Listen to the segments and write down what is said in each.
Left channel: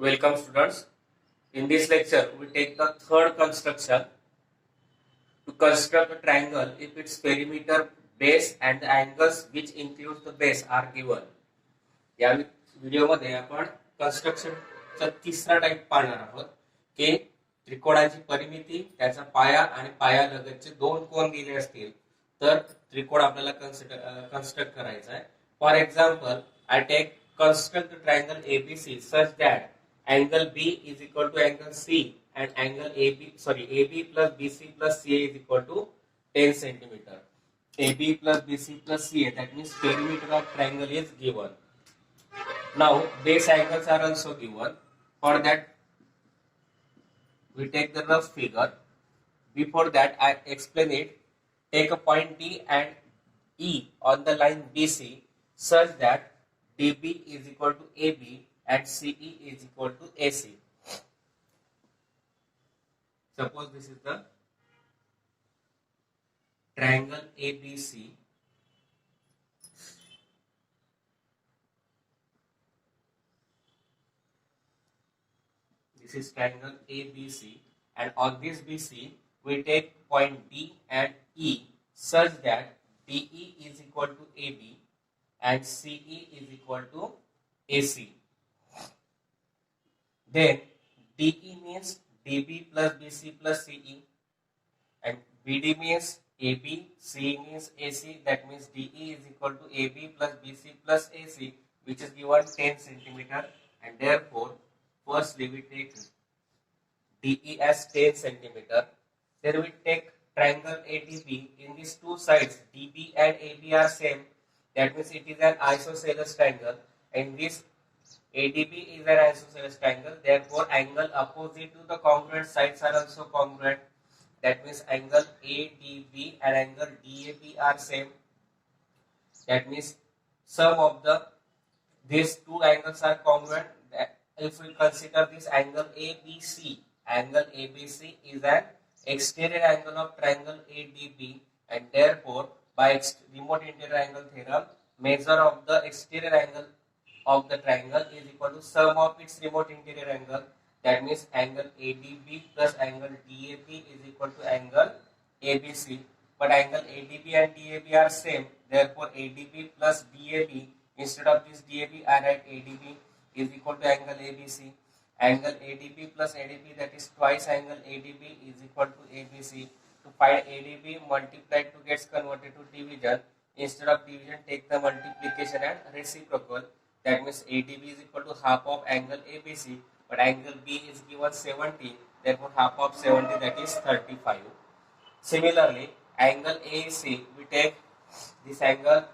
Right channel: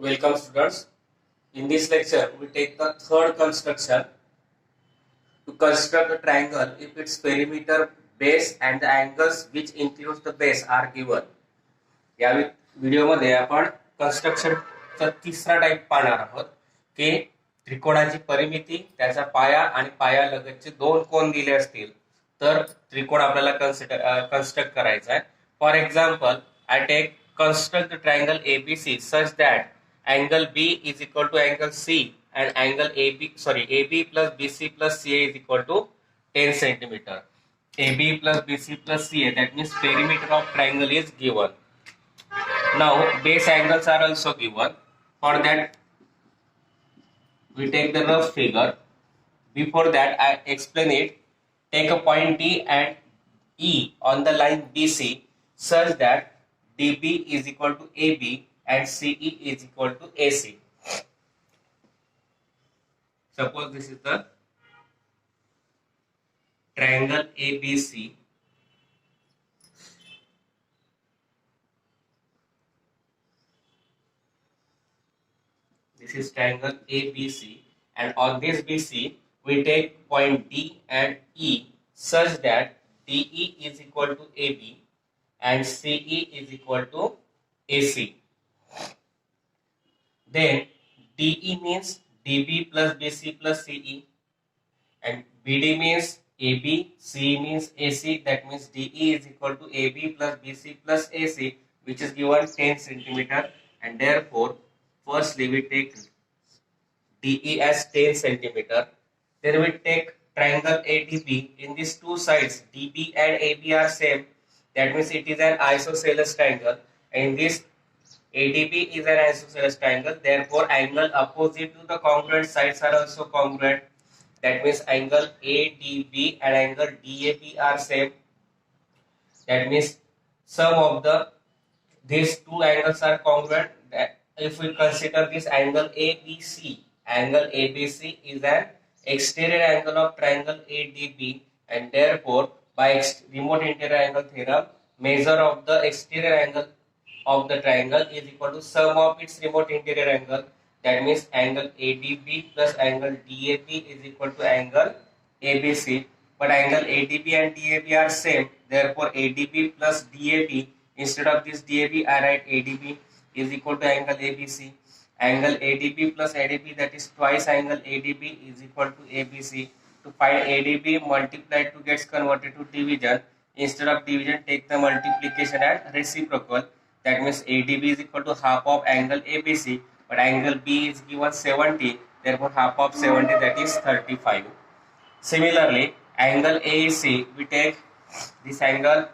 Welcome students. In this lecture, we take the third construction to construct a triangle if its perimeter, base and the angles which includes the base are given. या व्हिडिओमध्ये आपण कन्स्ट्रक्शनचा तिसरा type पाहणार आहोत की त्रिकोणाची परिमिती, त्याचा पाया आणि पायालगतचे दोन कोन दिले असतील तर त्रिकोण आपल्याला कन्स्ट्रक्ट करायचा आहे. For example, I take construct the triangle ABC such that angle B is equal to angle C and angle AB plus BC plus CA is equal to 10 centimeter. AB plus BC plus CA, that means perimeter of triangle is given. Now base angles are also given. For that we take the rough figure. Before that I explain it. Take a point D and E on the line BC such that DB is equal to AB and CE is equal to AC. Suppose this is the triangle ABC. This is triangle ABC, and on this BC we take point D and E such that DE is equal to AB and CE is equal to AC. Then DE means DB plus BC plus CE, and BD means AB, CE means AC, that means DE is equal to AB plus BC plus AC, which is given 10 centimeter, and therefore firstly we take DE as 10 centimeter. Then we take triangle ADB. In these two sides DB and AB are same, that means it is an isosceles triangle, and this ADB is an isosceles triangle, therefore angle opposite to the congruent sides are also congruent, that means angle ADB and angle DAB are same, that means sum of these two angles are congruent. If we consider this angle ABC is an exterior angle of triangle ADB, and therefore by remote interior angle theorem, measure of the exterior angle of the triangle is equal to sum of its remote interior angle, that means angle ADB plus angle DAB is equal to angle ABC, but angle ADB and DAB are same, therefore ADB plus DAB, instead of this DAB I write ADB is equal to angle ABC. Angle ADB plus ADB, that is twice angle ADB, is equal to ABC. To find ADB, multiply to gets converted to division. Instead of division, take the multiplication and reciprocal. That means ADB is equal to half of angle ABC, but angle B is given 70, therefore half of 70, that is 35. Similarly, angle AEC, we take this angle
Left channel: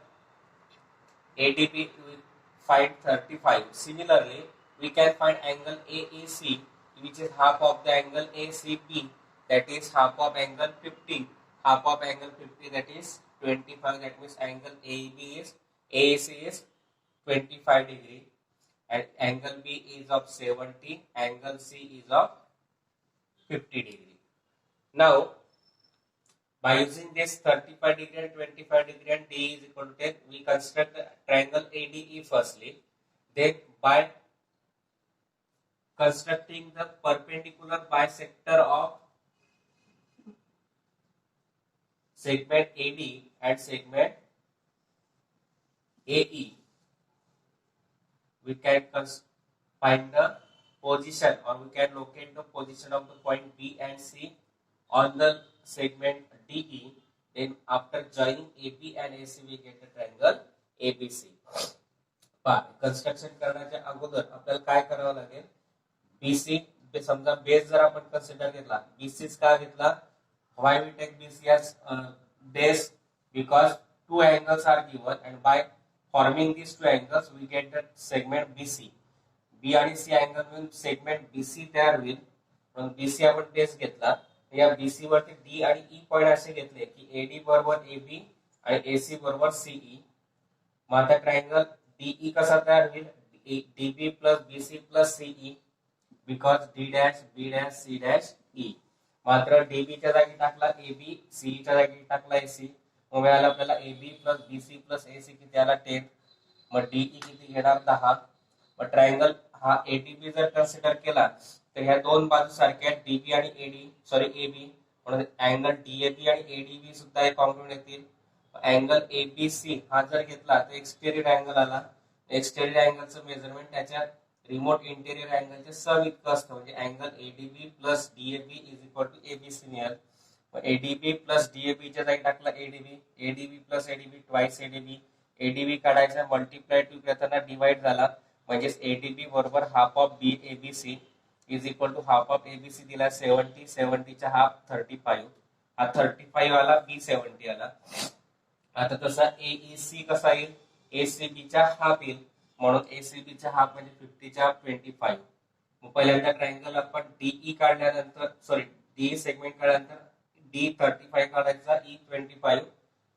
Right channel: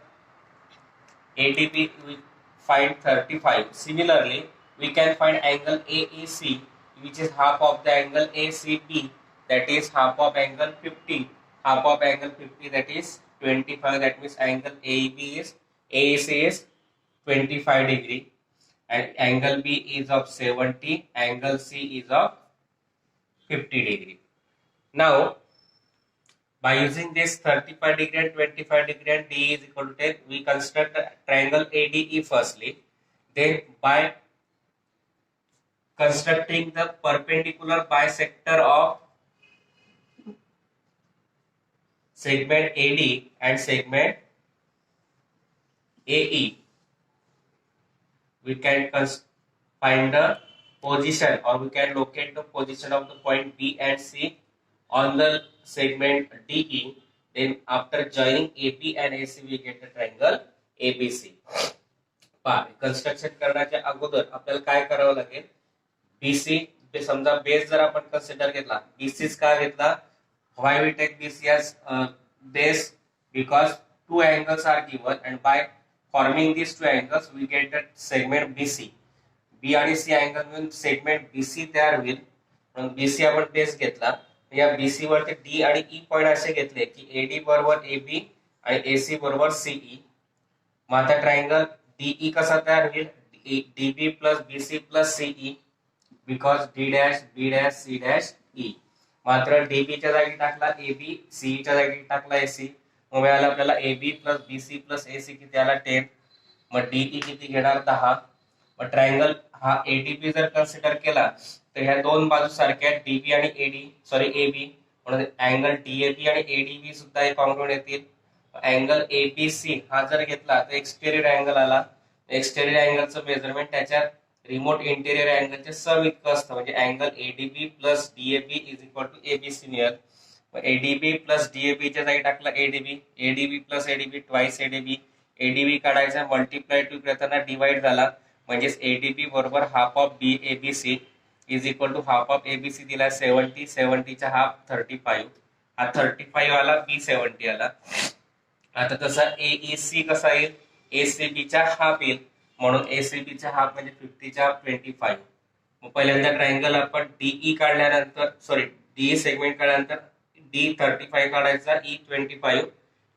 ADB, we find 35. Similarly, we can find angle AEC, which is half of the angle ACB, that is half of angle 50. Half of angle 50, that is 25. That means angle AEC is 25 degree, and angle B is of 70. Angle C is of 50 degree. Now, by using this 35 degree and 25 degree and D is equal to 10, we construct the triangle ADE firstly. Then by constructing the perpendicular bisector of segment AD and segment AE, we can find the position, or we can locate the position of the point B and C on the segment DE. Then after joining AB and AC we get the triangle ABC. Construction करण्याच्या अगोदर आपल्याला काय करावं लागेल, BC समजा base जर आपण consider घेतला, BC का घेतला, why we take BC as base, because two angles are given and by forming these two angles we get the segment BC. B आणि C अँगल मिळून सेगमेंट BC तयार होईल, म्हणून BC आपण बेस घेतला. या BC वरती D आणि E पॉइंट असे घेतले की AD बरोबर AB आणि AC बरोबर CE. मग आता ट्रायंगल DE कसा तयार होईल, DB plus BC plus CE, because D dash B dash C dash E. मात्र DB च्या जागी टाकला AB, CE च्या जागी टाकला AC, मग मिळालं आपल्याला AB plus BC plus AC किती आला 10. मग DE किती घेणार 10, मग ट्रायंगल हा एडीबी जर कन्सिडर केला तर ह्या दोन बाजू सारख्या डीबी आणि एबी, म्हणून अँगल डीएबी आणि एडीबी सुद्धा कॉन्ग्रुएंट येतील. अँगल एबीसी हा जर घेतला तर एक्सटेरियर अँगल आला. एक्सटेरियर अँगलचं मेजरमेंट त्याच्या रिमोट इंटेरियर अँगलचे सम इतकं असतं, म्हणजे angle ADB plus DAB is equal to ABC मिळेल. एडीबी प्लस डीएबी च्या जागी टाकला ADB, ADB plus ADB twice ADB, ADB काढायचा मल्टिप्लाय टू करताना डिवाइड झाला, म्हणजेच एडीबी बरोबर half of B ABC is equal to half of ABC दिला 70, 70चा हाफ 35, हा 35 आला, बी 70 आला. आता तसा एईसी कसा येईल, एसीबीचा हाफ येईल, म्हणून एसीबीचा हाफ म्हणजे 50च्या 25. मग पहिल्यांदा ट्रायंगल आपण डीई काढल्यानंतर, सॉरी डी सेगमेंट काढल्यानंतर D35 काढायचा, E25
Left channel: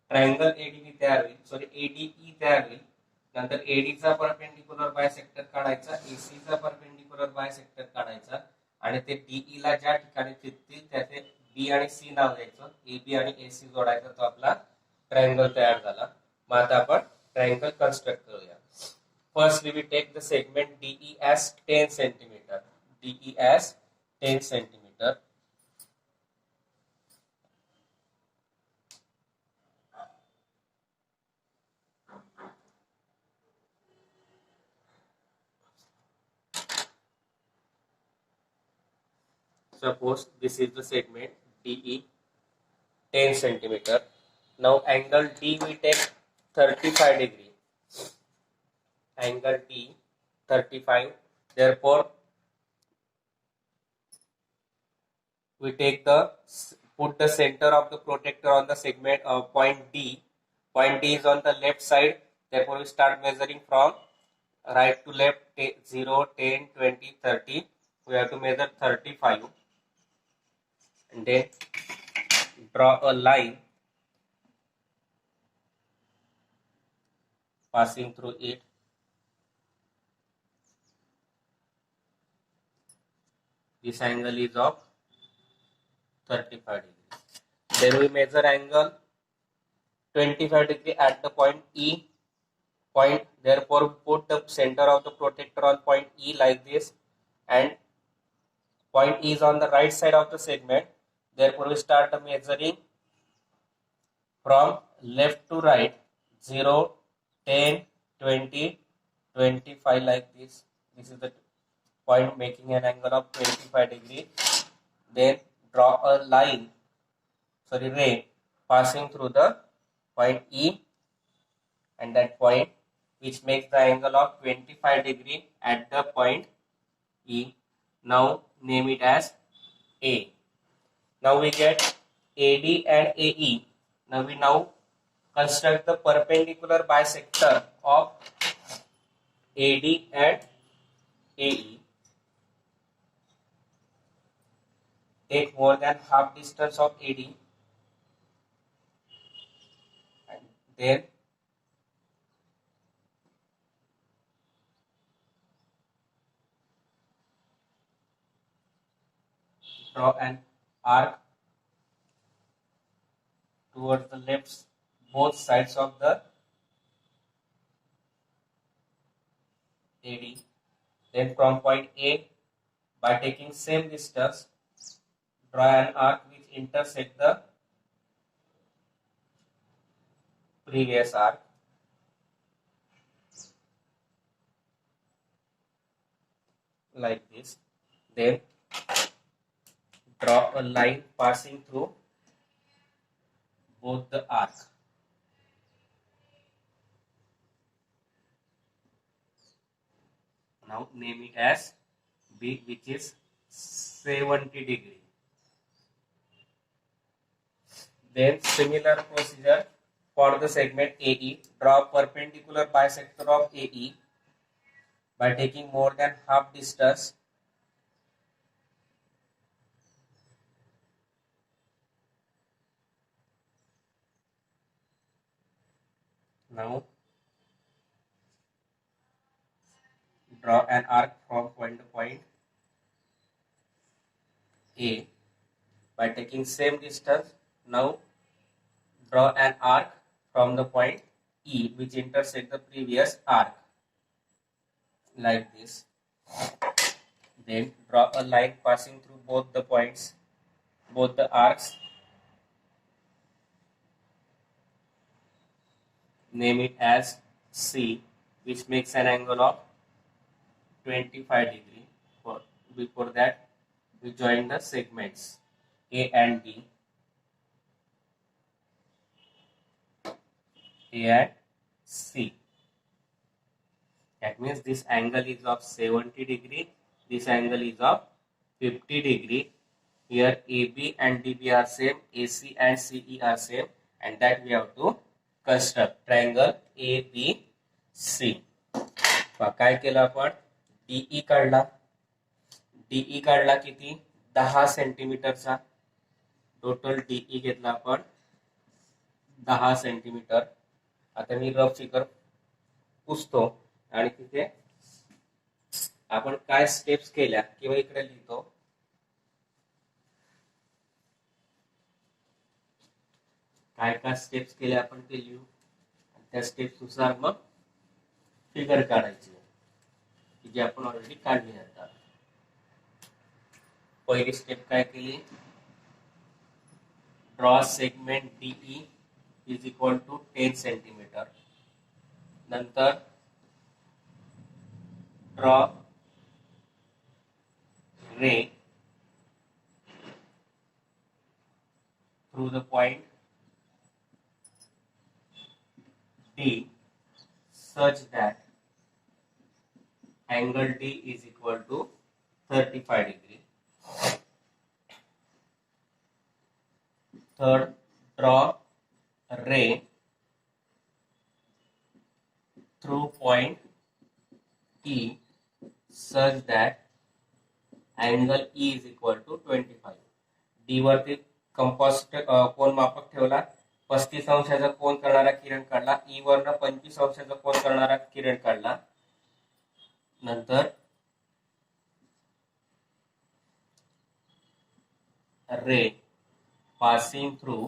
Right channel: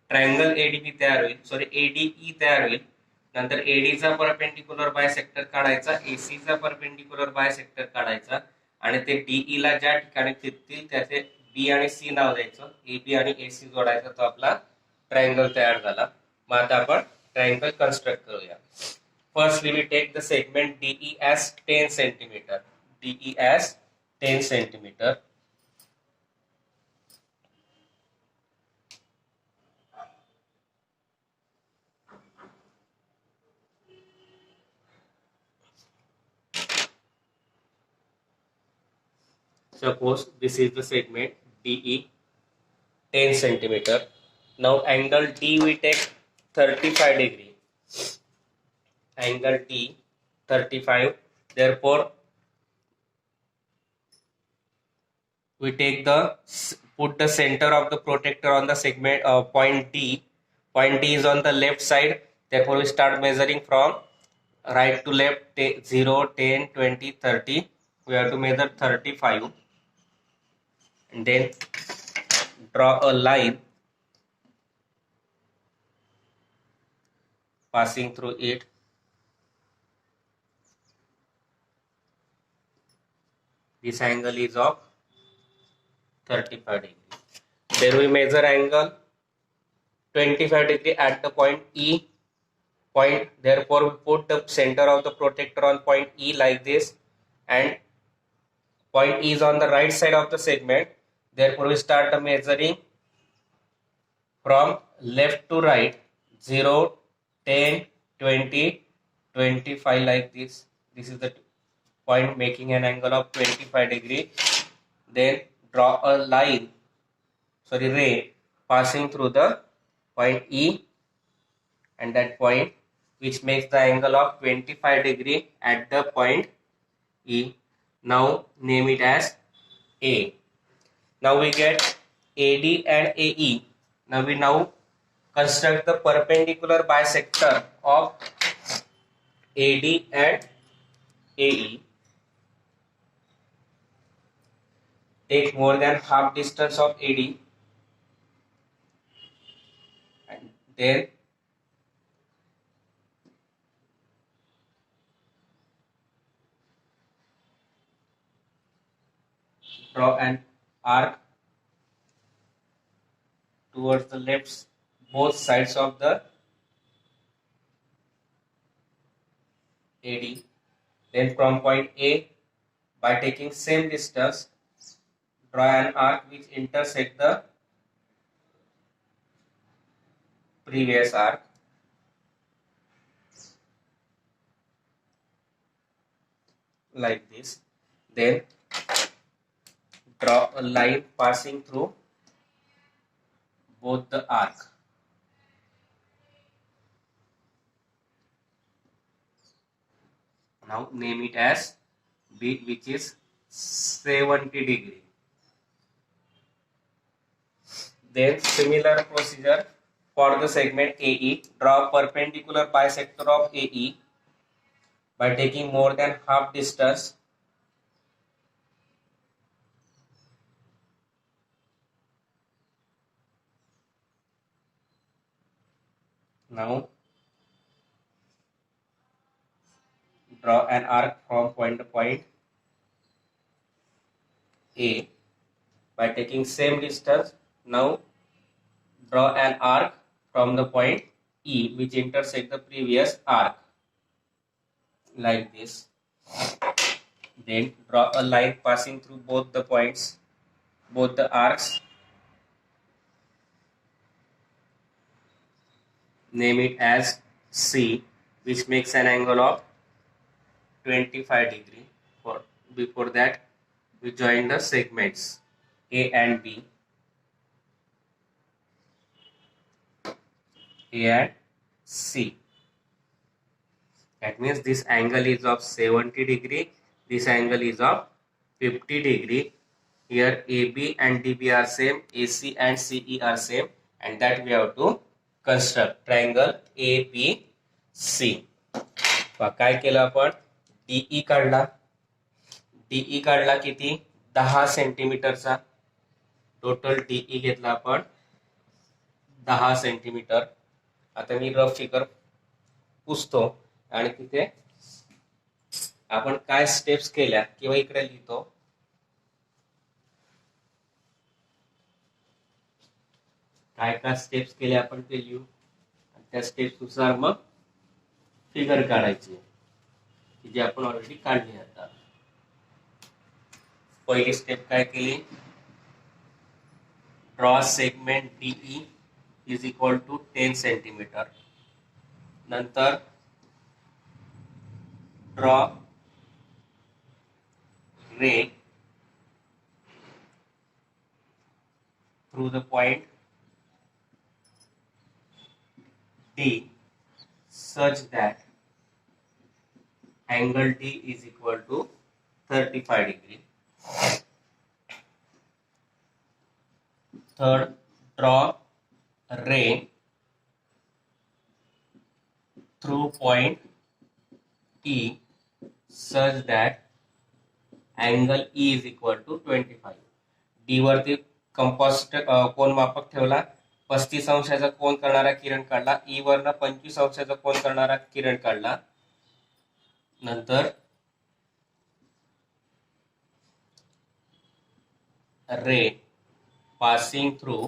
ट्रायंगल एडीबी तयार होईल, सॉरी एडीई तयार होईल. नंतर एडीचा परपेंडिक्युलर बायसेक्टर काढायचा, एसीचा परपेंडिक्युलर बायसेक्टर काढायचा, आणि ते डीई ला ज्या ठिकाणी छेदतील त्याचे बी आणि सी नाव द्यायचं, एबी आणि एसी जोडायचा, तो आपला ट्रायंगल तयार झाला. मग आता आपण ट्रायंगल कन्स्ट्रक्ट करूया. First we will take the segment DE as 10 centimeter. DE as 10 centimeter. Suppose this is the segment DE 10 centimeter. Now angle D we take 35 degree. Angle D 35. Therefore we take the put the center of the protector on the segment point D. Point D is on the left side. Therefore we start measuring from right to left, 0, 10, 20, 30. We have to measure 35 and then draw a line passing through it. This angle is of 35 degree. Then we measure angle 25 degree at the point E. Point, therefore we put the center of the protector on point E like this, and point E is on the right side of the segment. Therefore we start the measuring from left to right, 0, 10, 20, 25 like this. This is the point making an angle of 25 degree. Then draw a line, sorry, ray passing through the point E and that point, which makes the angle of 25 degree at the point E. Now name it as A. Now we get AD and AE. Now we construct the perpendicular bisector of AD and AE. Take more than half distance of AD and then draw an arc towards the left, both sides of the AD. Then from point A, by taking same distance, draw an arc which intersect the previous arc. Like this. Then draw a line passing through both the arc. Now name it as B, which is 70 degree. Then similar procedure for the segment AE. Draw perpendicular bisector of AE by taking more than half distance. Now draw an arc from point to point A by taking same distance. Now draw an arc from the point E which intersect the previous arc like this. Then draw a line passing through both the points, both the arcs. Name it as C, which makes an angle of 25 degree. Before that, we join the segments A and B. A and C. That means this angle is of 70 degree. This angle is of 50 degree. Here AB and DB are same, AC and CE are same, and that we have to construct triangle ABC. काय केलं आपण DE काढला. DE काढला किती 10 सेंटीमीटरचा. Total DE घेतला आपण 10 centimetre. आता मी rough figure पुसतो आणि तिथे आपण काय स्टेप्स केल्या किंवा इकडे लिहितो. काय स्टेप्स केले आपण ते लिहू. त्या स्टेप्स नुसार मग फिगर काढायची की जी आपण ऑलरेडी काढली आता. पहिली स्टेप काय केली. Draw segment DE is equal to 10 centimetre. नंतर draw ray through the point D such that angle D is equal to 35 degree. Third, draw ray through point E such that angle E is equal to 25. D वरती compost कोण मापक ठेवला. 35 अंशाचा कोण करणारा किरण काढला. ई वरनं 25 अंशाचा कोण करणारा किरण काढला. नंतर रे passing through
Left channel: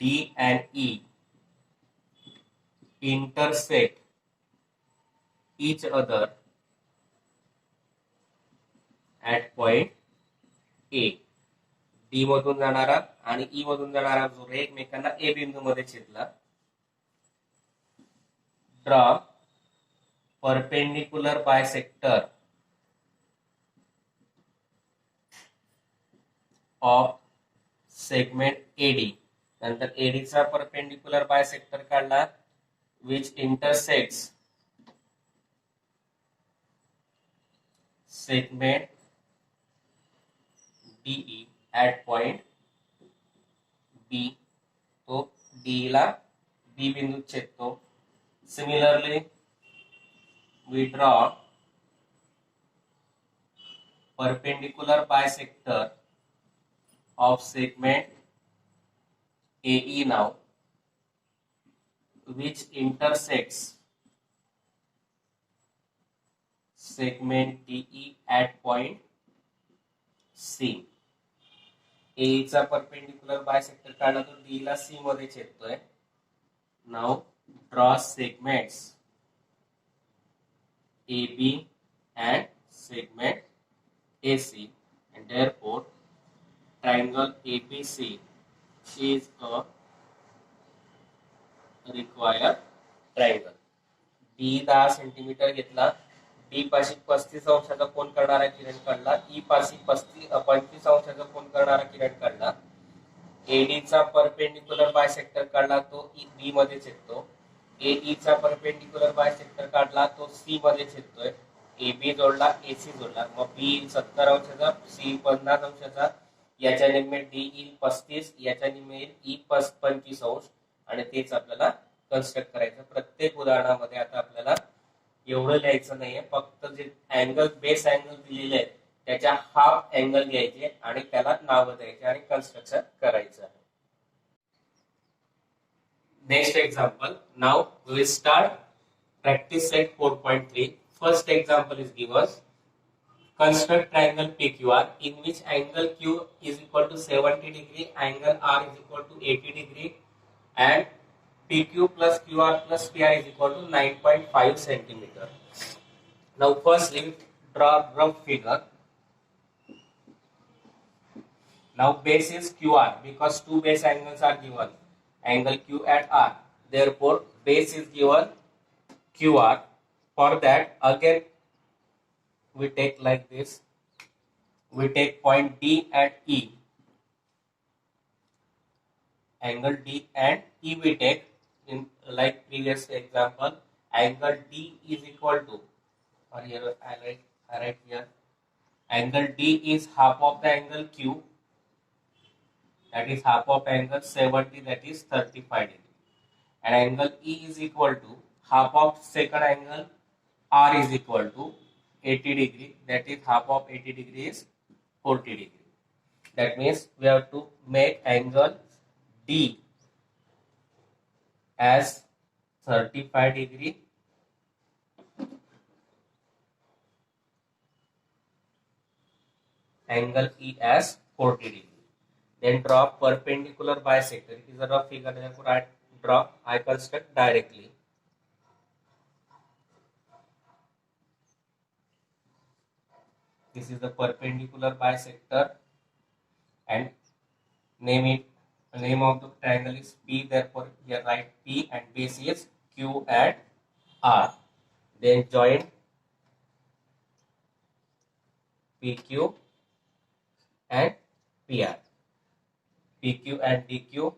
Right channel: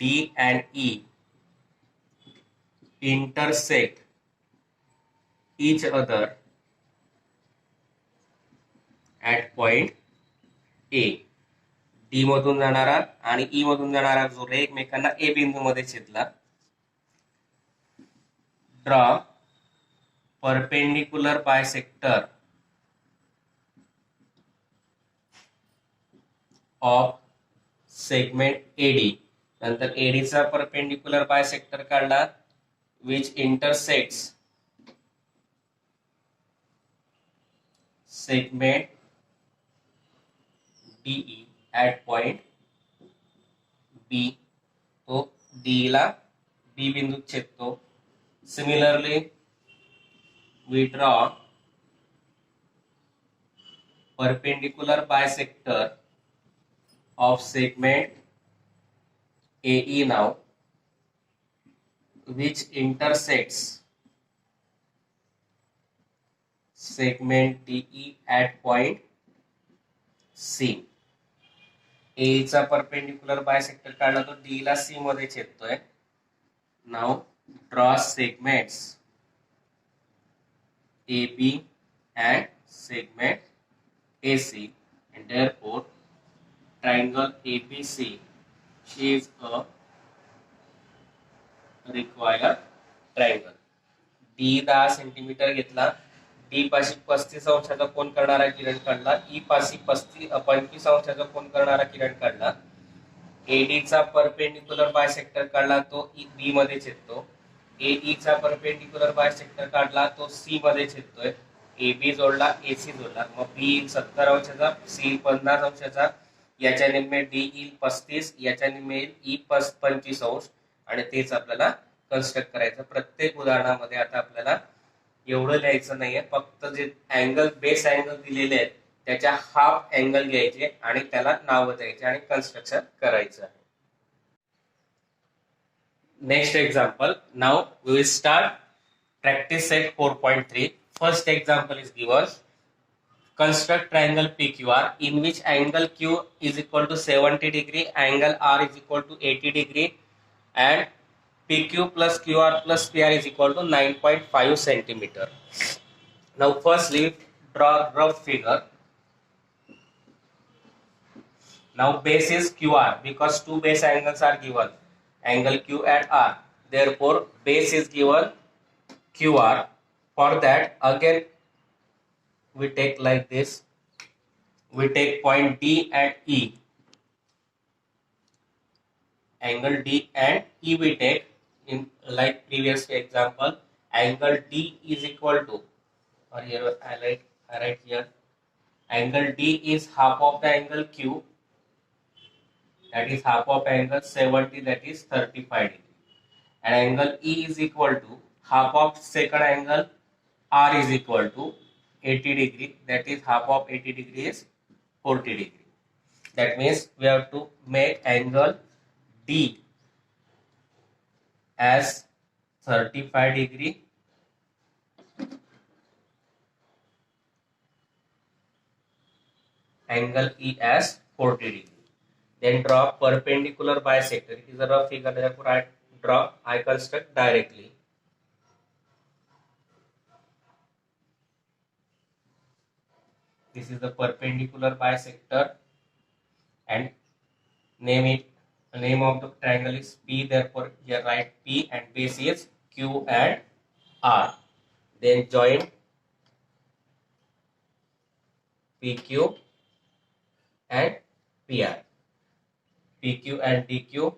D and E intersect each other at point A. D मधून जाणारा आणि ई मधून जाणारा जो रे एकमेकांना ए बिंदू मध्ये छेदला. Draw perpendicular bisector of segment AD. नंतर एडीचा परपेंडिक्युलर बायसेक्टर काढला which intersects segment DE at point B. तो D ला B बिंदू छेदतो. Similarly, we draw perpendicular bisector of segment AE now, which intersects segment DE at point C. ए चा perpendicular bisector काढला तो D ला सी मध्ये छेदतोय. Now draw segments AB and segment AC, and therefore triangle ABC is a required triangle. D 10 centimetre घेतला. D पाशी 35 अंशाचा कोण करणारा किरण काढला. ई पाशी 25 अंशाचा कोण करणारा किरण काढला. एडी चा परपेंडिक्युलर बायसेक्टर काढला तो बी मध्ये छेदतो. एई चा परपेंडिक्युलर बायसेक्टर काढला तो सी मध्ये छेदतोय. AB जोडला AC जोडला. मग बी 70 अंशाचा सी 50 अंशाचा. याच्याने मिळेल डी येईल 35. याच्याने मिळेल ई 25 अंश. आणि तेच आपल्याला कन्स्ट्रक्ट करायचं. प्रत्येक उदाहरणामध्ये आता आपल्याला एवढं लिहायचं नाहीये. फक्त जे अँगल बेस अँगल दिलेले आहेत त्याच्या हाफ अँगल घ्यायचे आणि त्याला नाव द्यायचे आणि कन्स्ट्रक्शन करायचं आहे. Next example. Now we will start practice set 4.3. First example is given. Construct triangle PQR in which angle Q is equal to 70 degree, angle R is equal to 80 degree, and PQ plus QR plus PR is equal to 9.5 centimeter. Now firstly draw rough figure. Now base is QR because two base angles are given, angle Q and R. Therefore base is given QR. For that again we take like this. We take point D and E. Angle D and E we take in like previous example. Angle D is equal to, or here I write here, angle D is half of the angle Q, that is half of angle 70, that is 35 degree. And angle E is equal to half of second angle R is equal to 80 degree, that is half of 80 degree is 40 degree. That means we have to make angle D as 35 degree angle E as 40 degree. Then draw perpendicular bisector. It is a rough figure, therefore I construct directly. This is the perpendicular bisector and name of the triangle is P, therefore here write P and base is Q and R. Then join PQ and PR. PQ and DQ,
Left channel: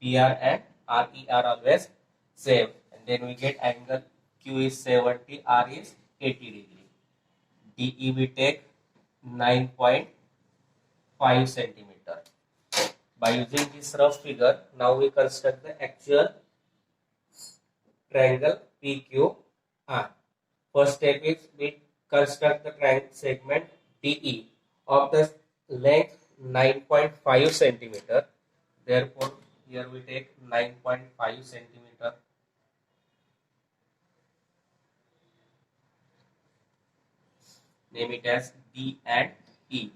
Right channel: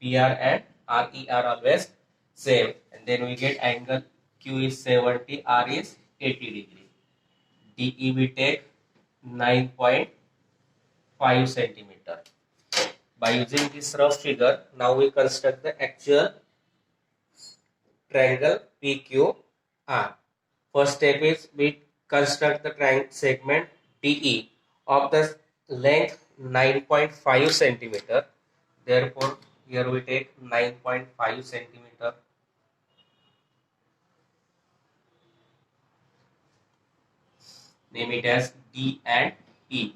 PR and RE are always same, and then we get angle Q is 70, R is 80 degree. DE we take 9.5 centimeter. By using this rough figure, now we construct the actual triangle PQR. First step is we construct the triangle segment DE of the length 9.5 centimeter. Therefore, here we take 9.5 centimeter. Name it as D and E.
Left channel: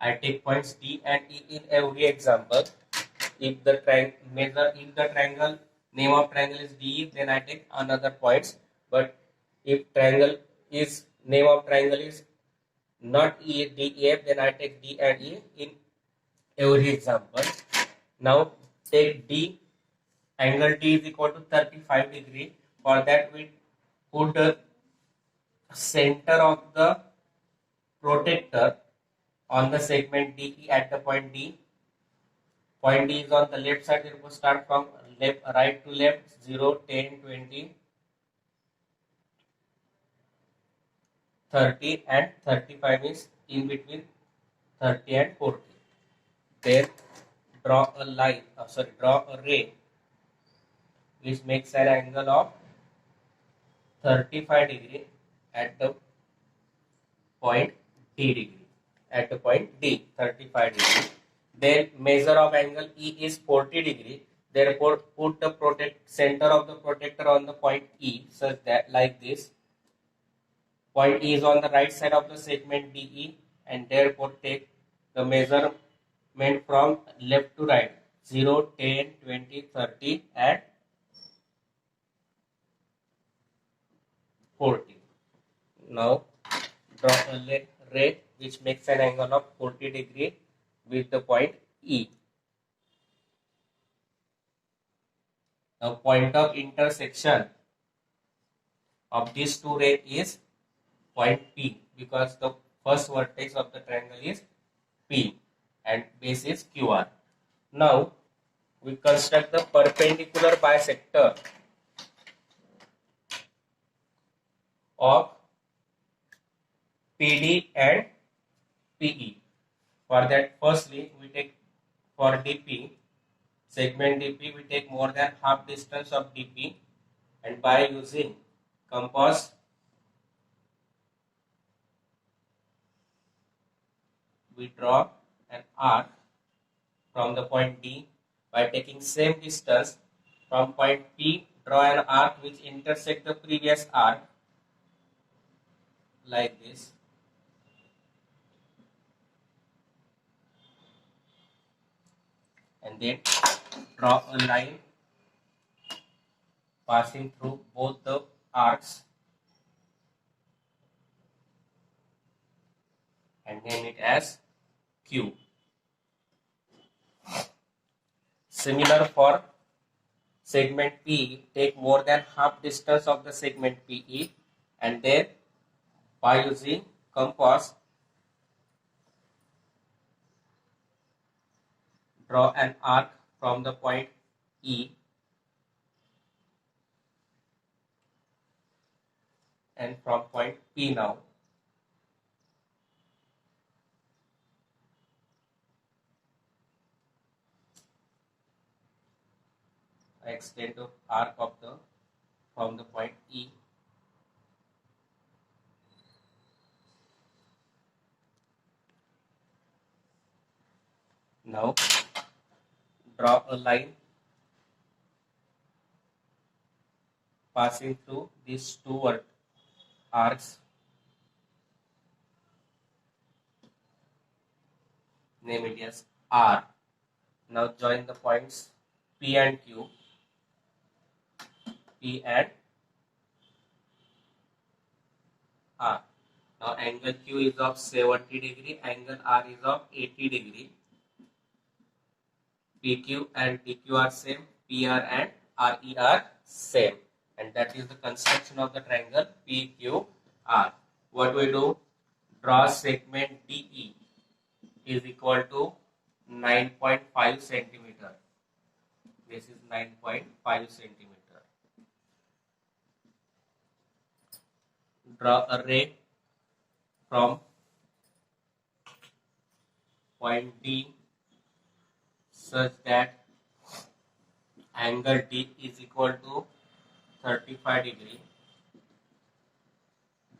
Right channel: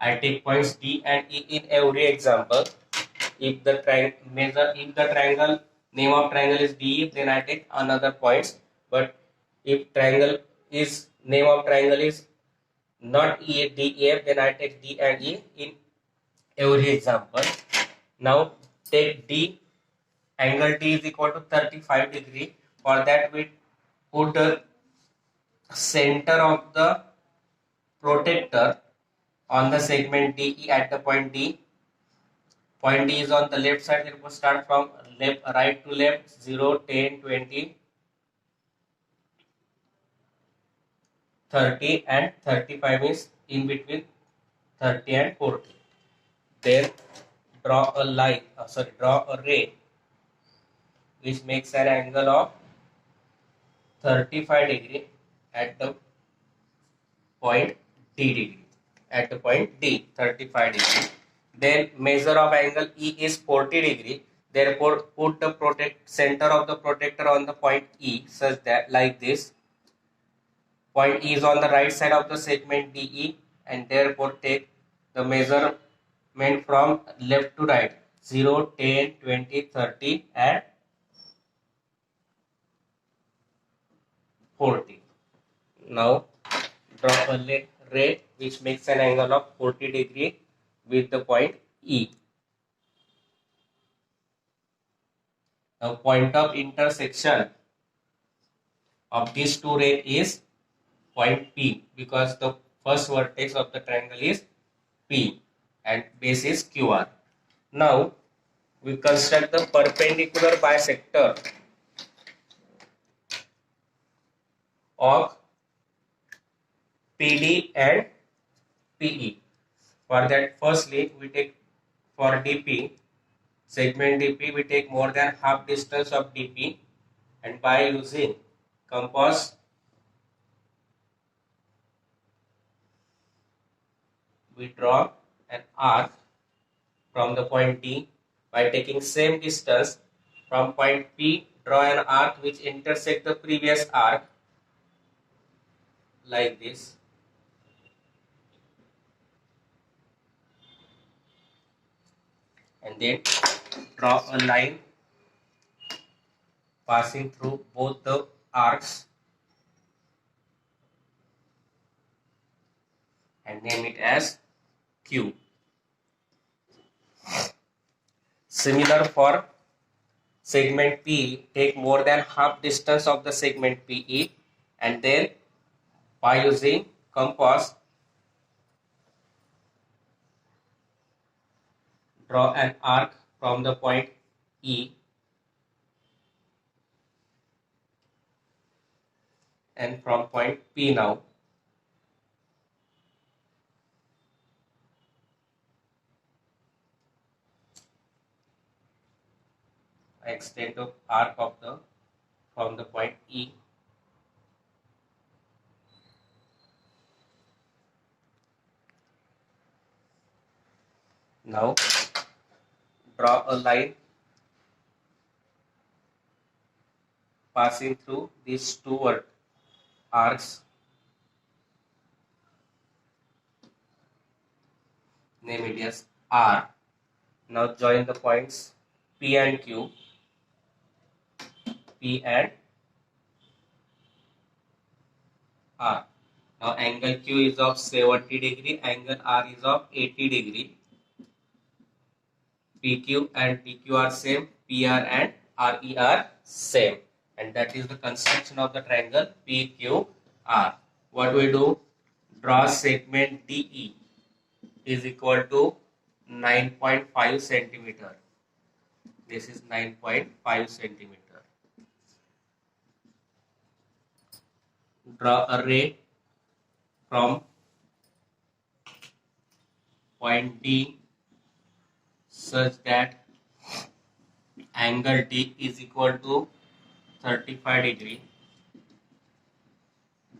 I take points D and E in every example. If the triangle name of triangle is D, then I take another points. But if triangle is name of triangle is not E, D, E, then I take D and E in every example. Now take D. Angle D is equal to 35 degree. For that we put the center of the protector on the segment DE at the point D. Point D is on the left side, therefore start from right to left, 0, 10, 20, 30 and 35 is in between 30 and 40. Then draw a line, draw a ray which makes an angle of 35 degree at the point D degree. At the point D, 35 degree. Then measure of angle E is 40 degree. Therefore, put the center of the protector on the point E such that like this. Point E is on the right side of the segment DE, and therefore take the measurement from left to right, 0, 10, 20, 30 and 40. Now draw a ray which makes an angle of 40 degree with the point E. Now point of intersection of these two rays is point P, because the first vertex of the triangle is P and base is QR. Now we construct the perpendicular bisector of PD and PE. For that, firstly we take for DP, segment DP, we take more than half distance of DP, and by using compass we draw an arc from the point D. By taking same distance from point P, draw an arc which intersect the previous arc like this. And then draw a line passing through both the arcs and name it as Q. Similar for segment P, take more than half distance of the segment PE and then by using compass draw an arc from the point E and from point P now. I extend the arc of the from the point E. Now draw a line passing through these two arcs. Name it as R. Now join the points P and Q. P and R. Now angle Q is of 70 degree, angle R is of 80 degree. PQ and PQ are same, PR and RE are same. And that is the construction of the triangle PQR. What we do? Draw segment DE is equal to 9.5 centimeter. This is 9.5 centimeter. Draw a ray from point D such that angle D is equal to 35 degree.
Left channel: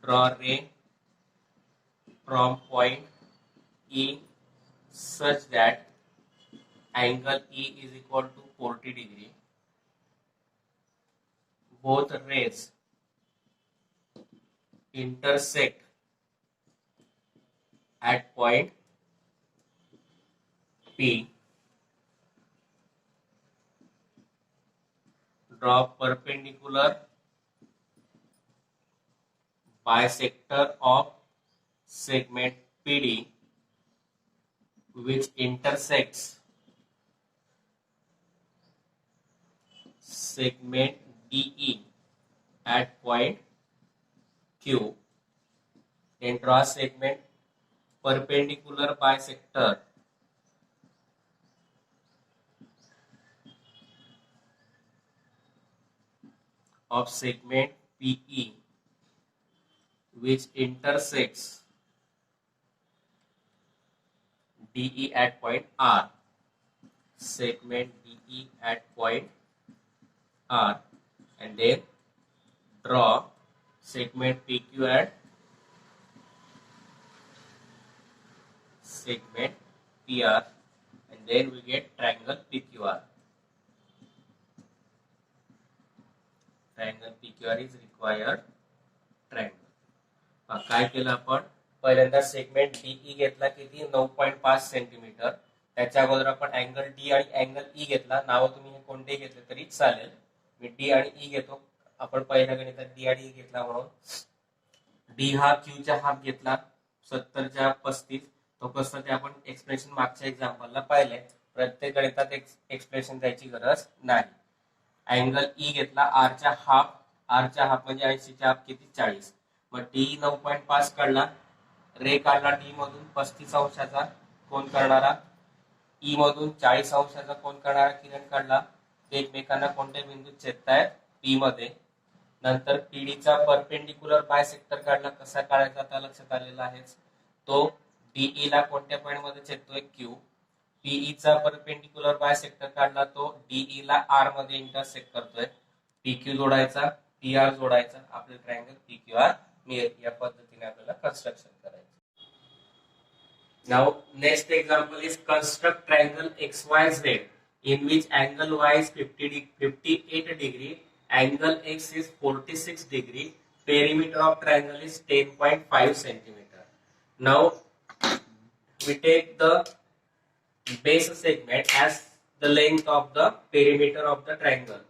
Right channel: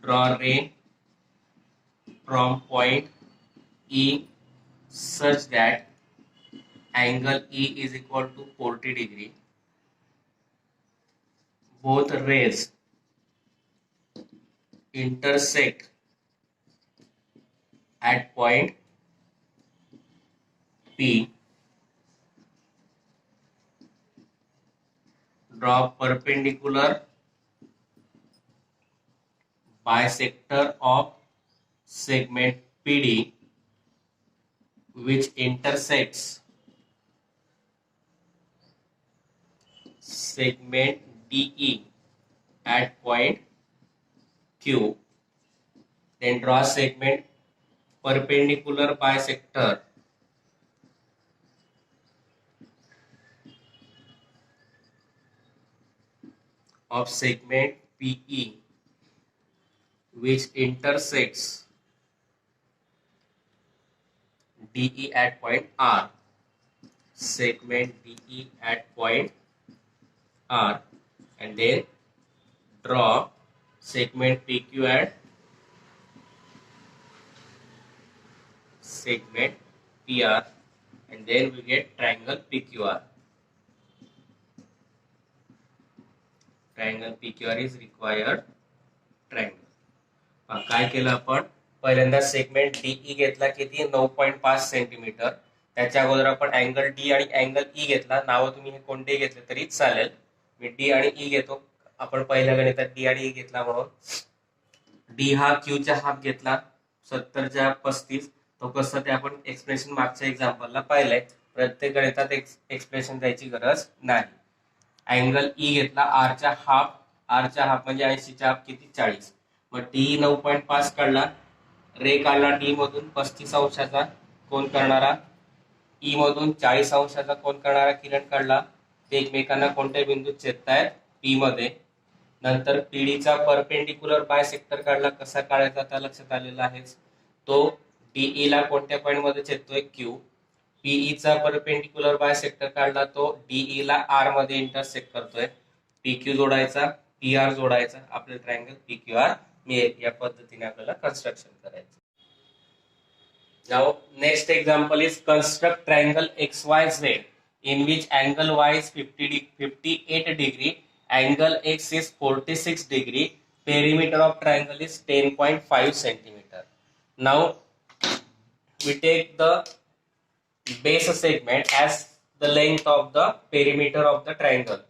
Draw ray from point E such that angle E is equal to 40 degree. Both rays intersect at point P. Draw perpendicular bisector of segment PD which intersects segment DE at point Q. Then draw segment perpendicular bisector of segment PE which intersects DE at point R. Segment DE at point R and then draw segment PQ at segment PR and then we get triangle PQR. Triangle PQR is required triangle. काय केलं आपण पहिल्यांदा segment DE घेतला किती 9.5 centimetre. त्याच्या अगोदर आपण angle D आणि अँगल ई घेतला. नाव तुम्ही हे कोणते घेतले तरी चालेल. मी डी आणि ई घेतो. आपण पहिल्या गणितात डी आणि ई घेतला म्हणून डी हा क्यू चा हाफ घेतला 70 च्या 35. तो कसं ते आपण एक्सप्रेशन मागच्या एक्झाम्पलला पाहिलंय. प्रत्येक गणितात एक्सप्रेशन द्यायची गरज नाही. अँगल ई घेतला आर चा हाफ म्हणजे 80 चा हाफ किती 40. मग डी 9.5 काढला. रे काढला डी मधून 35 अंशाचा कोण करणारा. ई मधून 40 अंशाचा कोण करणारा किरण काढला. ते एकमेकांना कोणत्या बिंदूत छेदतायत पी मध्ये. नंतर पीडीचा परपेंडिक्युलर बायसेक्टर काढला. कसा काढायचा आता लक्षात आलेला आहे. तो डीई ला कोणत्या पॉइंट मध्ये छेदतोय क्यू. पीई चा परपेंडिक्युलर बायसेक्टर काढला. तो डीई ला आर मध्ये इंटरसेक्ट करतोय. पीक्यू जोडायचा पीआर जोडायचा आपलं ट्रायंगल पीक्यूआर मिळेल. या पद्धतीने आपल्याला कंस्ट्रक्शन करायचं. Now next example is construct triangle XYZ in which angle Y is 58 degree, angle X is 46 degree, perimeter of triangle is 10.5 centimeter. Now we take the base segment as the length of the perimeter of the triangle.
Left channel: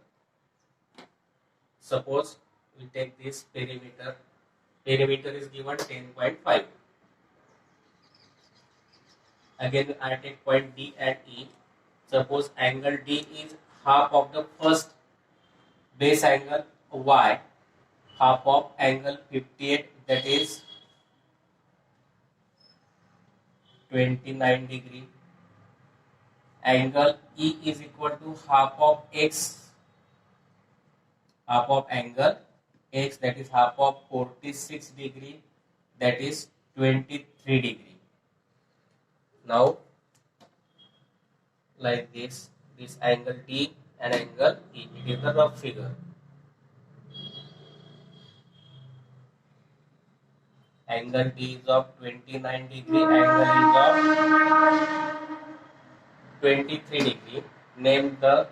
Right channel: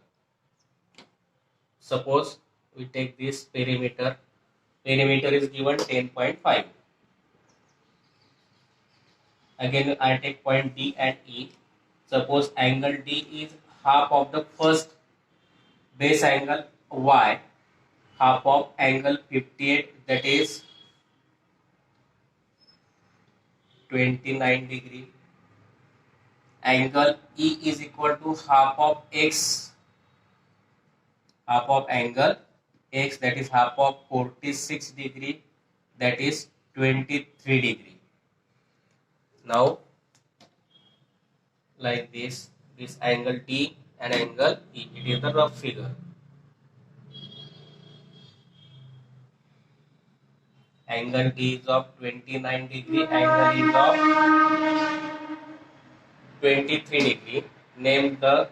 Suppose we take this perimeter. Perimeter is given 10.5. Again, I take point D and E. Suppose angle D is half of the first base angle Y, half of angle 58, that is 29 degree. Angle E is equal to half of X, half of angle X, that is half of 46 degree, that is 23 degree. Now like this angle D and angle E, it is the rough figure. Angle D is of 29 degree, angle is of 23 degree. Name the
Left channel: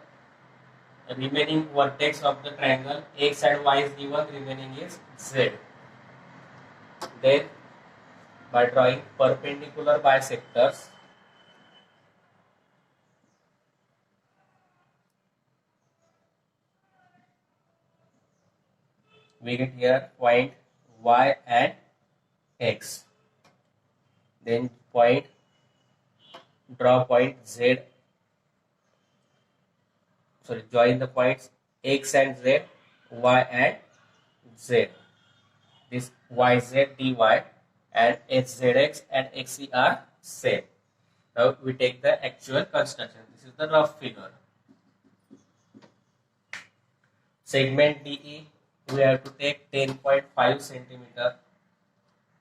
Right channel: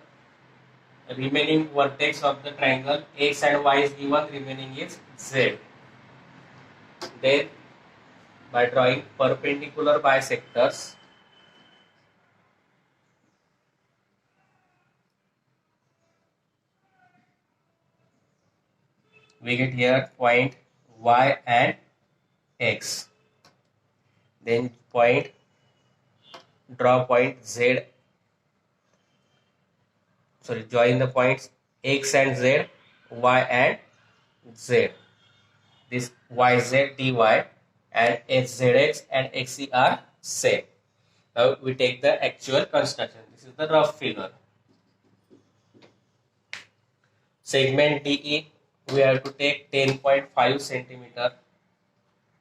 remaining vertex of the triangle. X and Y is given, remaining is Z. Then by drawing perpendicular bisectors, we get here point Y and X. Then draw point Z. Join the points X and Z, Y and Z. This YZ dy and HZX and XE are same. Now we take the actual construction. This is the rough figure. Segment DE, we have to take 10.5 centimeter.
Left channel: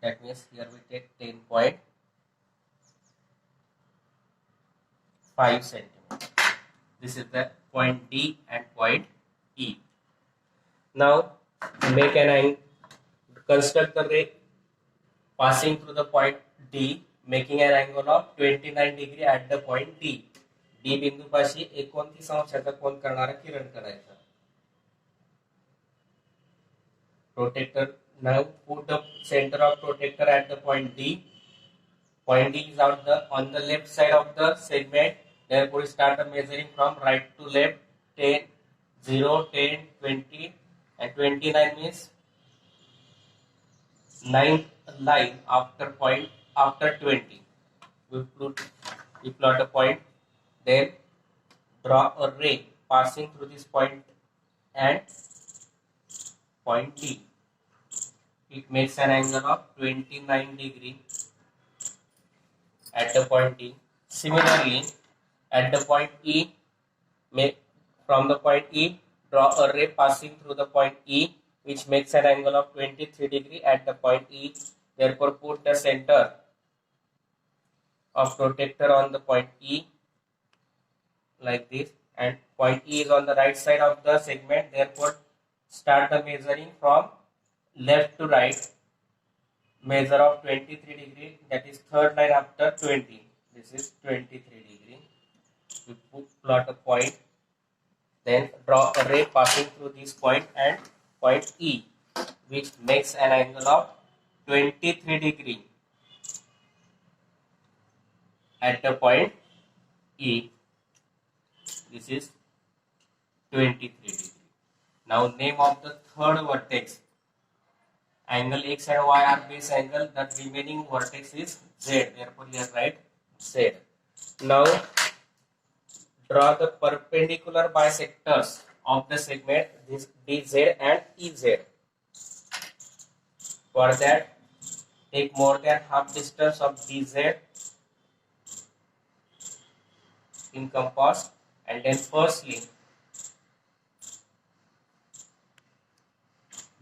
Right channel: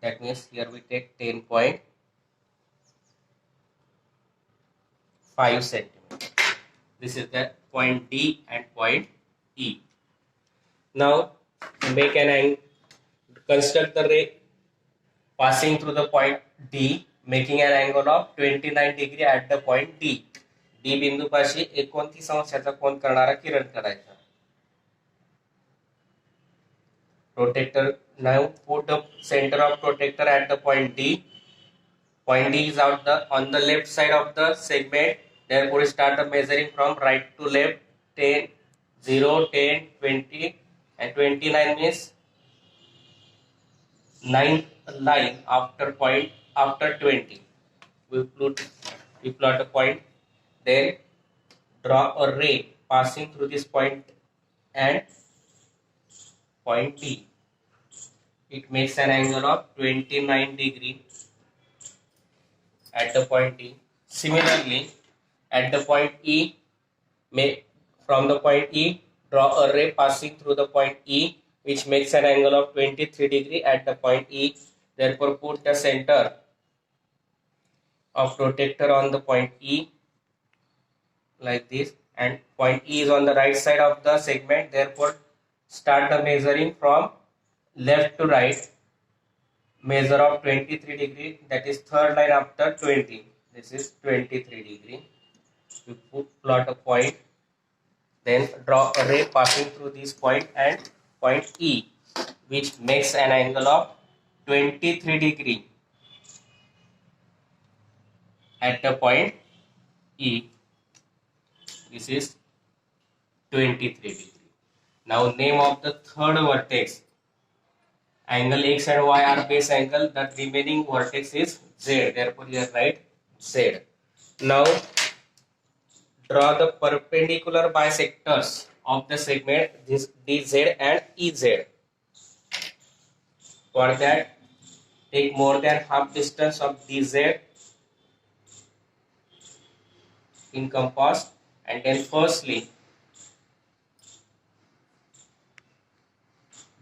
That means here we take 10.5 centimeter. This is the point D and point E. Now make an angle. Construct the ray passing through the point D, making an angle of 29 degree at the point D. D बिंदू पाशी 29 अंशाचा कोन करणारा किरण करायचा. Protector, now put the center of protector at the point D. Point D is on the left side of the segment. Therefore start measuring from right to left. 10, 0, 10, 20 and 29 means 9th line after 20. We plot a point, then draw a ray passing through this point and point D. It makes an angle of 29 degree at the point D. Similarly, at the point E, from the point E, draw a ray passing through the point E, which makes an angle of 23 degree at the point E. Therefore, put the center of protector on the point E like this, and point E is on the right side of the segment. Therefore, start the measuring from left to right. Measure of 23 degree, that is third line after 20. This is 23 degree. We plot a point, then draw a ray passing through this point and point E, which makes an angle of 23 degree at the point E. This is 23 degree. Now name of the third vertex. Angle X and Y are base angle. The remaining vertex is Z. Therefore here write Z. Now draw the perpendicular bisectors of the segment this DZ and EZ. For that, take more than half distance of DZ in compass, and then firstly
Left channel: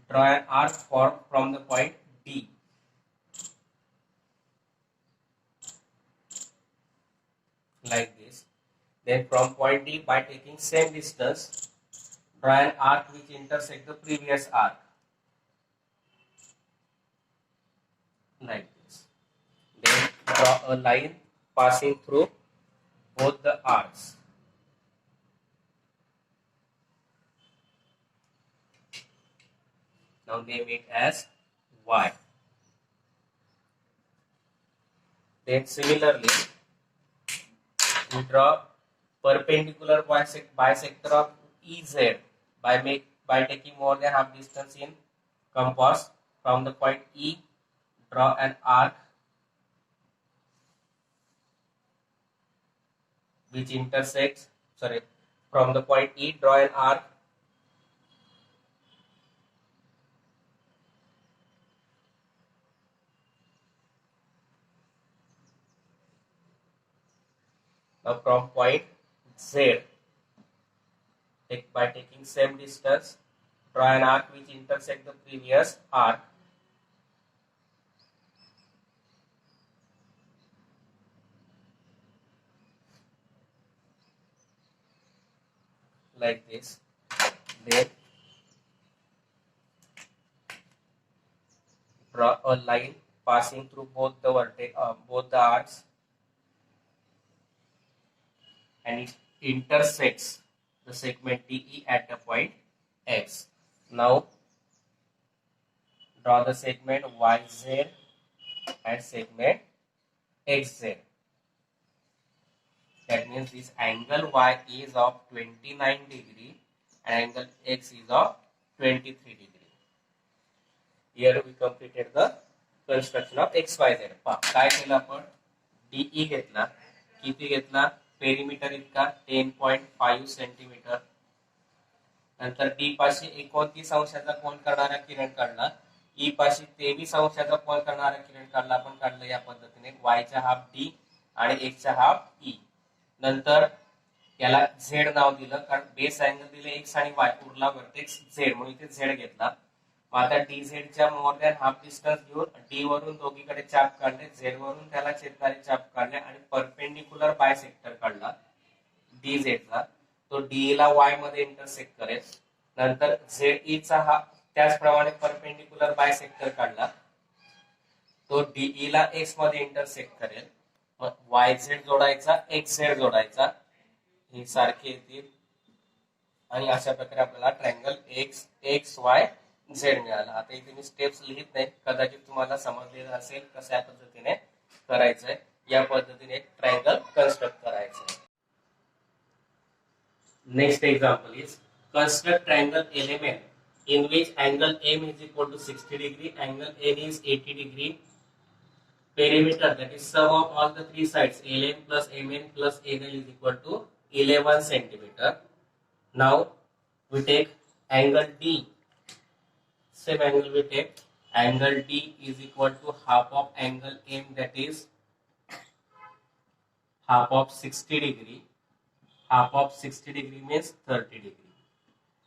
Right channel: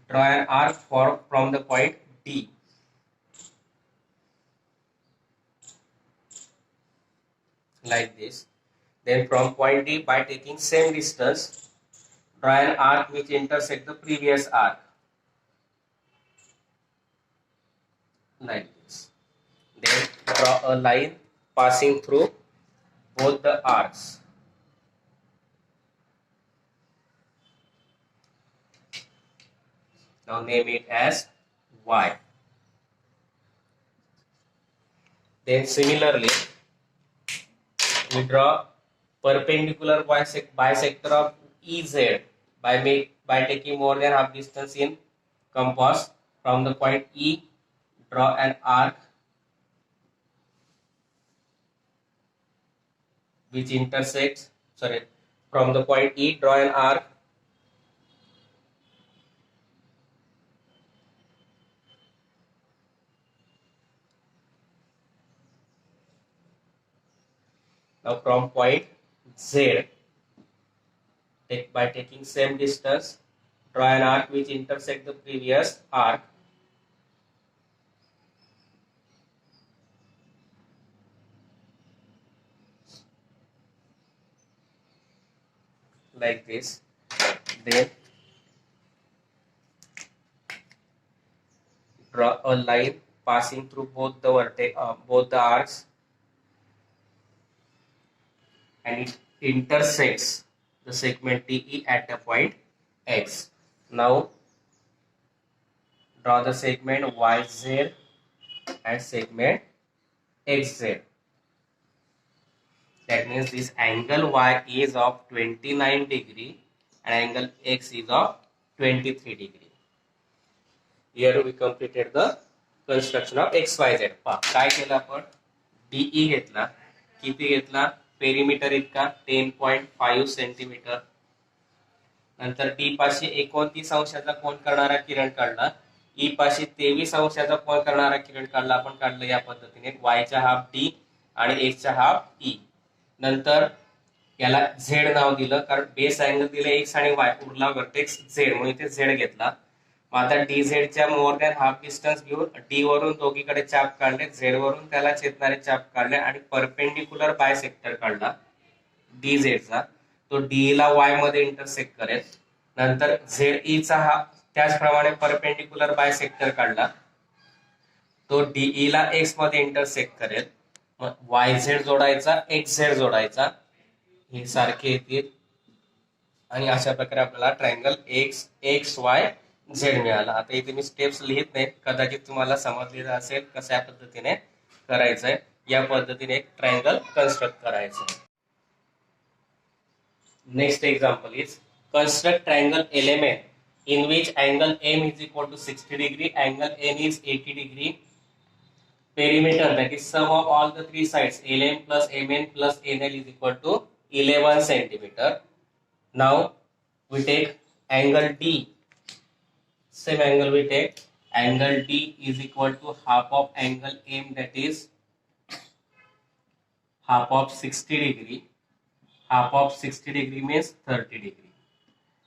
draw an arc from the point D. Like this. Then from point D, by taking same distance, draw an arc which intersects the previous arc. Like this. Then draw a line passing through both the arcs. Now name it as Y. Then similarly, we draw perpendicular bisector of EZ by by taking more than half distance in compass from the point E, draw an arc which intersects, from the point E, draw an arc now from point Z, by taking same distance, draw an arc which intersect the previous arc like this. Then draw a line passing through both the arcs, and it intersects the segment DE at the point X. Now draw the segment YZ and segment XZ. That means this angle Y is of 29 degree and angle X is of 23 degree. Here we completed the construction of XYZ. काय केलं आपण? DE घेतला, किती घेतला? Perimeter इतका 10.5 centimetre. नंतर D पाशी 29 अंशाचा कोन करणारा किरण काढला, ई पाशी 23 अंशाचा कोन करणारा किरण काढला. आपण काढलं या पद्धतीने, y चा हाफ डी आणि x चा हाफ ई. नंतर याला झेड नाव दिलं, कारण बेस अँगल दिले x आणि y, उरला वर्टेक्स झेड, म्हणून इथे झेड घेतला. मग आता डी झेड च्या मोर दॅन हाफ डिस्टन्स घेऊन डी वरून दोघीकडे चाप काढले, झेड वरून त्याला छेदणारे चाप काढले आणि परपेंडिक्युलर बायसेक्टर काढला डी झेडचा. तो डी ला वाय मध्ये इंटरसेक्ट करेल. नंतर झेड ई चा हा त्याचप्रमाणे परपेंडिक्युलर बायसेक्टर काढला, तो डीई ला एक्स मध्ये इंटरसेक्ट करेल. मग वाय झेड जोडायचा, एक्स झेड जोडायचा, हे सारखे येतील आणि अशा प्रकारे आपल्याला triangle x x Y Z मिळाला. आता इथे मी स्टेप्स लिहित नाही, कदाचित तुम्हाला समजलेलं असेल कशा पद्धतीने करायचंय. या पद्धतीने एक ट्रायंगल कन्स्ट्रक्ट करायचं. Next example is construct triangle element in which angle M is equal to 60 degree, angle N is 80 degree. Perimeter, that is sum of all the three sides, LM plus MN plus NL is equal to 11 centimeter. Now we take angle D. Same angle we take. Angle D is equal to half of angle M, that is half of 60 degree. Half of 60 degree means 30 degree.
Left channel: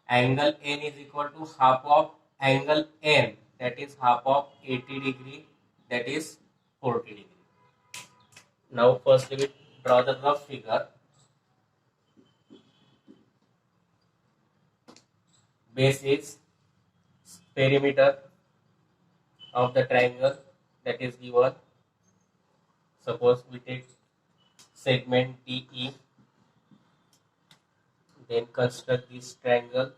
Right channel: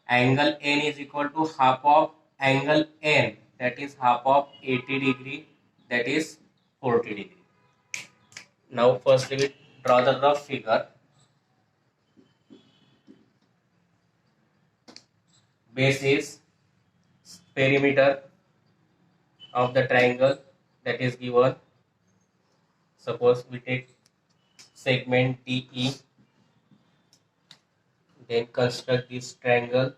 Angle N is equal to half of angle N, that is half of 80 degree, that is 40 degree. Now firstly we draw the rough figure. Base is perimeter of the triangle that is given. Suppose we take segment DE. Then construct this triangle.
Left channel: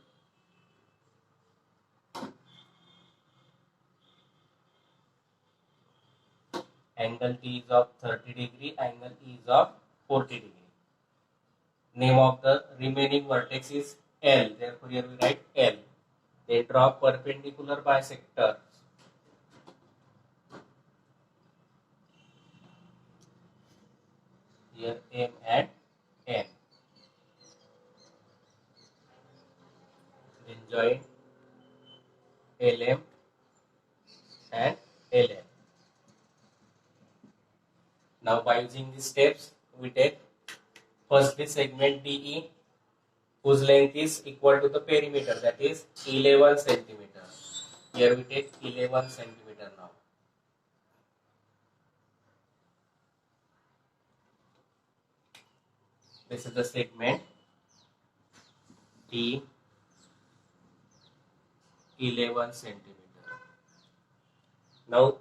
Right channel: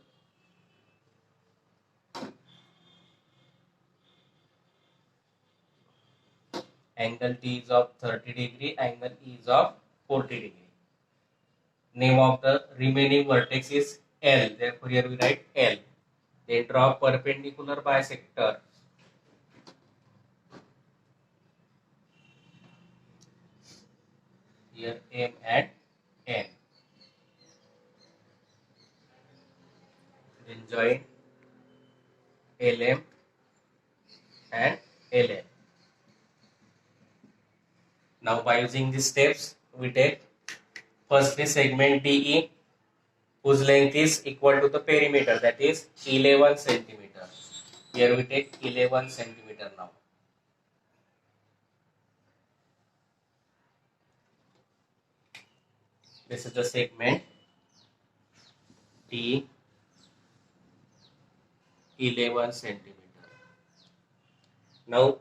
Angle D is of 30 degree, angle E is of 40 degree. Name of the remaining vertex is L. Therefore here we write L. Then draw perpendicular bisector. Here M and N. Then join LM and LN. Now by using these steps, we take firstly segment DE, whose length is equal to the perimeter, that is 11 centimeter. Here we take 11 centimeter now. This is the segment D, 11 centimeter. Now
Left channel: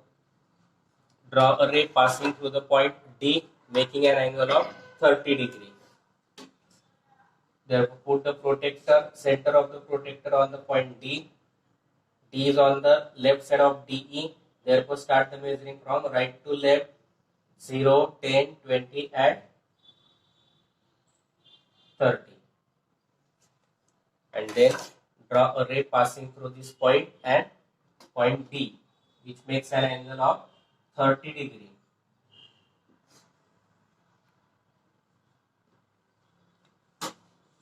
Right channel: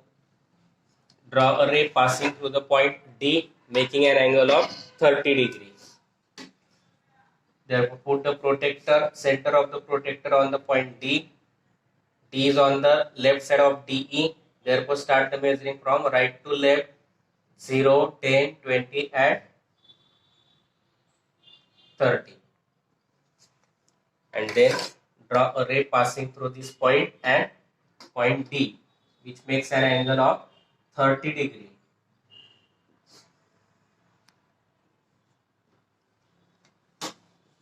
draw a ray passing through the point D, making an angle of 30 degrees. Therefore put the protector, center of the protector on the point D. D is on the left side of DE. Therefore start the measuring from right to left, 0, 10, 20 and 30. And then draw a ray passing through this point and point D, which makes an angle of 30 degree.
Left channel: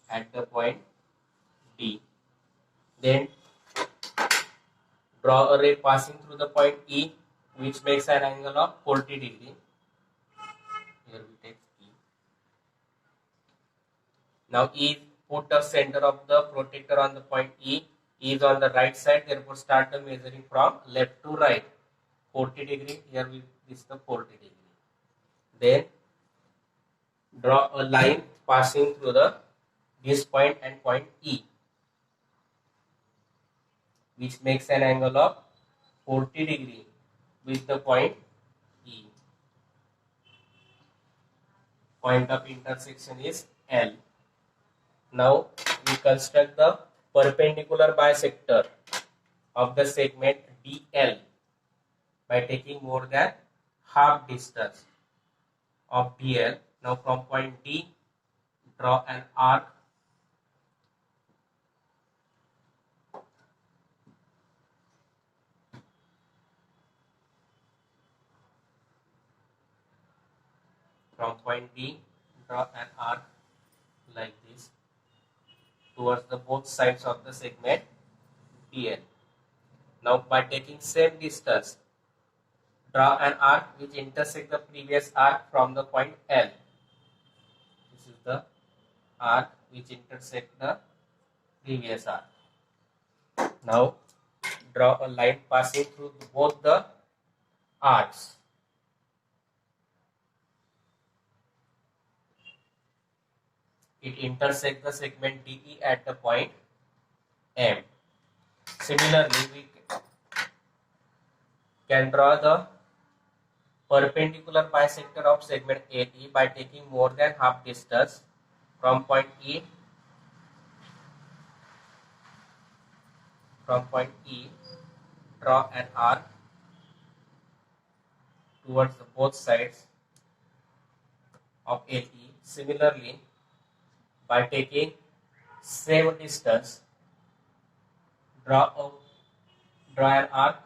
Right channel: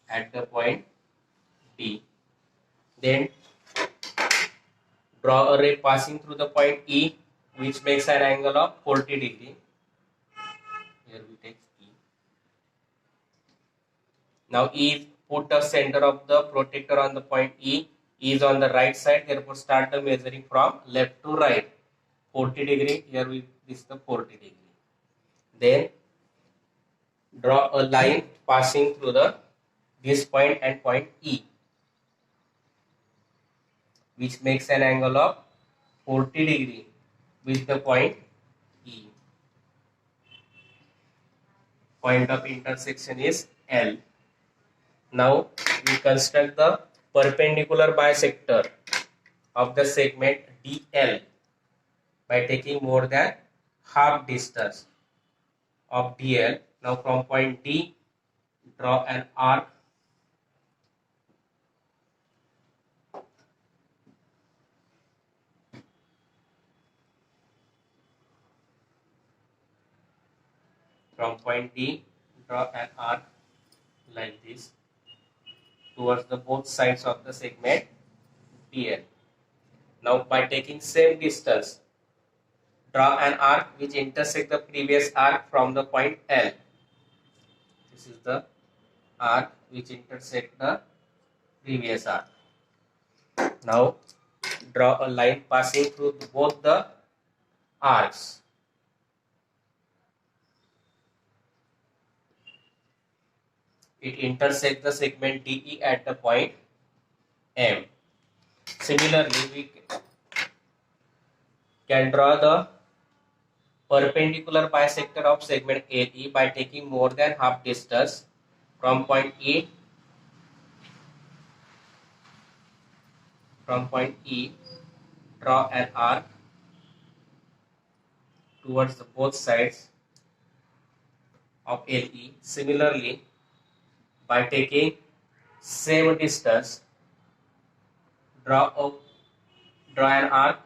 At the point D. Then draw a ray passing through the point E, which makes an angle of 40 degree. Here we take E. Now E is put the center of the protector on the point E. E is on the right side, therefore start the measuring from left to right. 40 degree, here we this is the 40 degree. Then draw a line passing through this point and point E, which makes an angle of 40 degree with the point E. Point of intersection is L. Now we construct the perpendicular bisector of the segment DL by taking more than half distance of DL. Now from point D, draw an arc from point D, draw an arc like this towards the both sides of the segment DL. Now by taking same distance, draw an arc which intersects the previous arc from the point L. This is the arc which intersects the previous arc. Now draw a line passing through both the arcs. It intersects the segment DE at the point M. Similarly, we can draw the perpendicular bisector of segment AE by taking more than half distance from point E. From point E, draw an arc towards the both sides of LE. Similarly, by taking same distance, draw an arc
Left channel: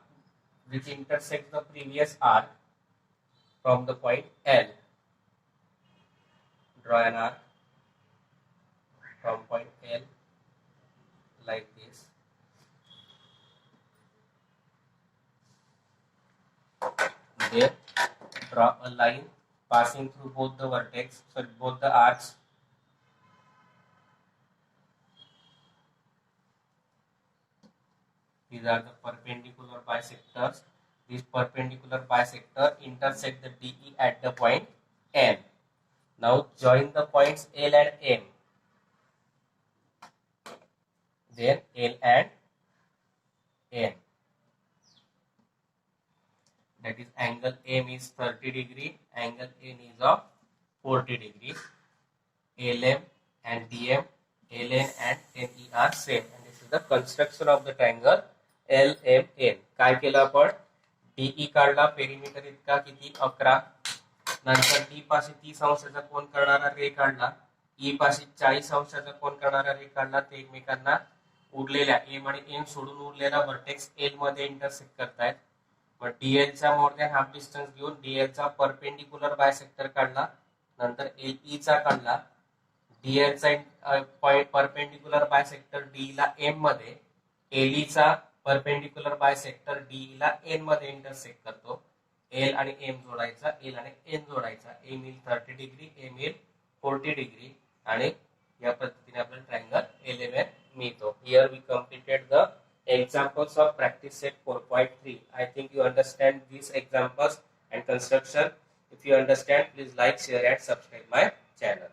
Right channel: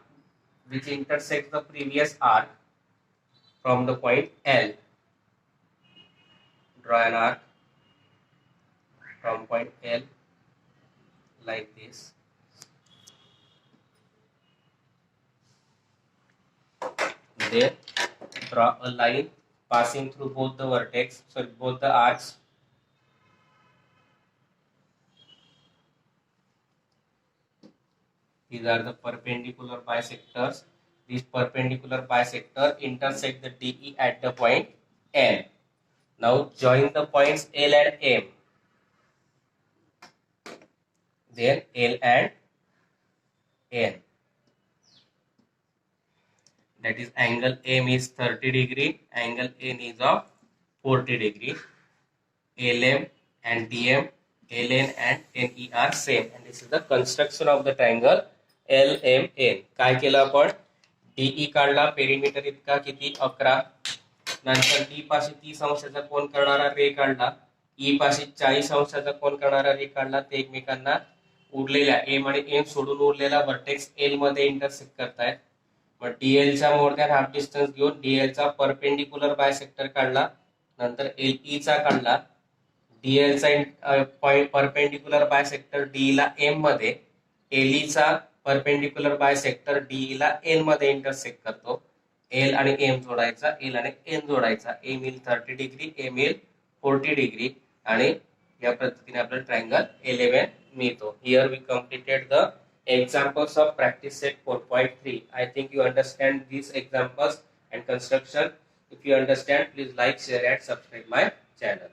which intersects the previous arc from the point L. Draw an arc from point L like this. Then draw a line passing through both the vertex, both the arcs. These are the perpendicular bisectors. This perpendicular bisector intersect the DE at the point N. Now join the points L and M. Then L and N. That is angle M is 30 degree, angle N is of 40 degree. LM and DM, LN and NE are same. And this is the construction of the triangle LMN. काय केलं आपण DE काढला, perimeter इतका किती 11. नंतर D पाशी 30 अंशाचा कोन करणारा रे काढला, E पाशी 40 अंशाचा कोन करणारा रे काढला. ते एकमेकांना उरलेल्या M आणि N सोडून उरलेला वर्टेक्स L मध्ये इंटरसेक्ट करतायत. मग DL चा मोर दॅन हाफ डिस्टन्स घेऊन DL चा परपेंडिकुलर बायसेक्टर काढला, नंतर LE चा काढला. DL चा परपेंडिकुलर बायसेक्टर D ला M मध्ये, LE चा परपेंडिकुलर बायसेक्टर D ला N मध्ये इंटरसेक्ट करतो. L आणि M जोडायचा, L आणि N जोडायचा. M येईल 30 डिग्री, M येईल 40 डिग्री आणि या पद्धतीने आपल्याला ट्रायंगल 11 मिळतो. Here we completed the examples of practice set 4.3. I think you understand these examples and construction. If you understand, please like, share and subscribe my channel.